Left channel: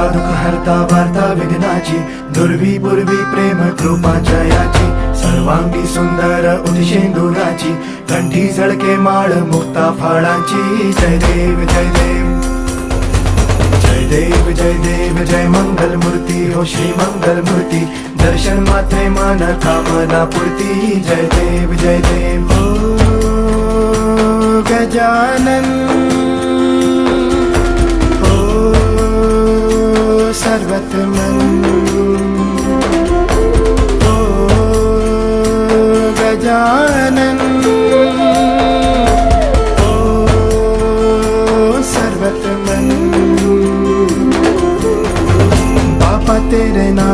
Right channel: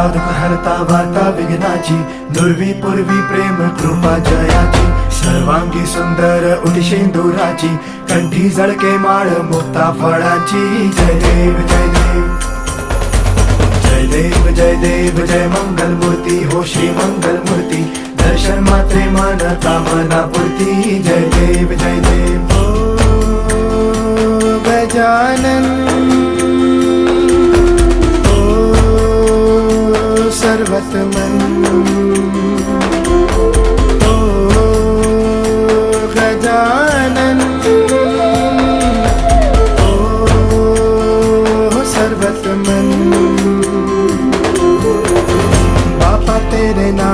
हरता दुःख हरता वार्ता विघ्नाची, दुर्वी पूर्वी प्रेम कृपा जयाची, सर्वांगी सुंदर उदिशेंदुराची, कंठी झळके माळ मुक्ता फळाची. जय देव जय देव जय देव जय देव जय मंगल मूर्ती हो श्री मंगल मूर्ती, दर्शन मात्रे मन कामना पूर्ती. जय देव जय देव हो गजानन सर्वतमन ओ गजानन ओ सर्वतमन. बापा तेरे नाम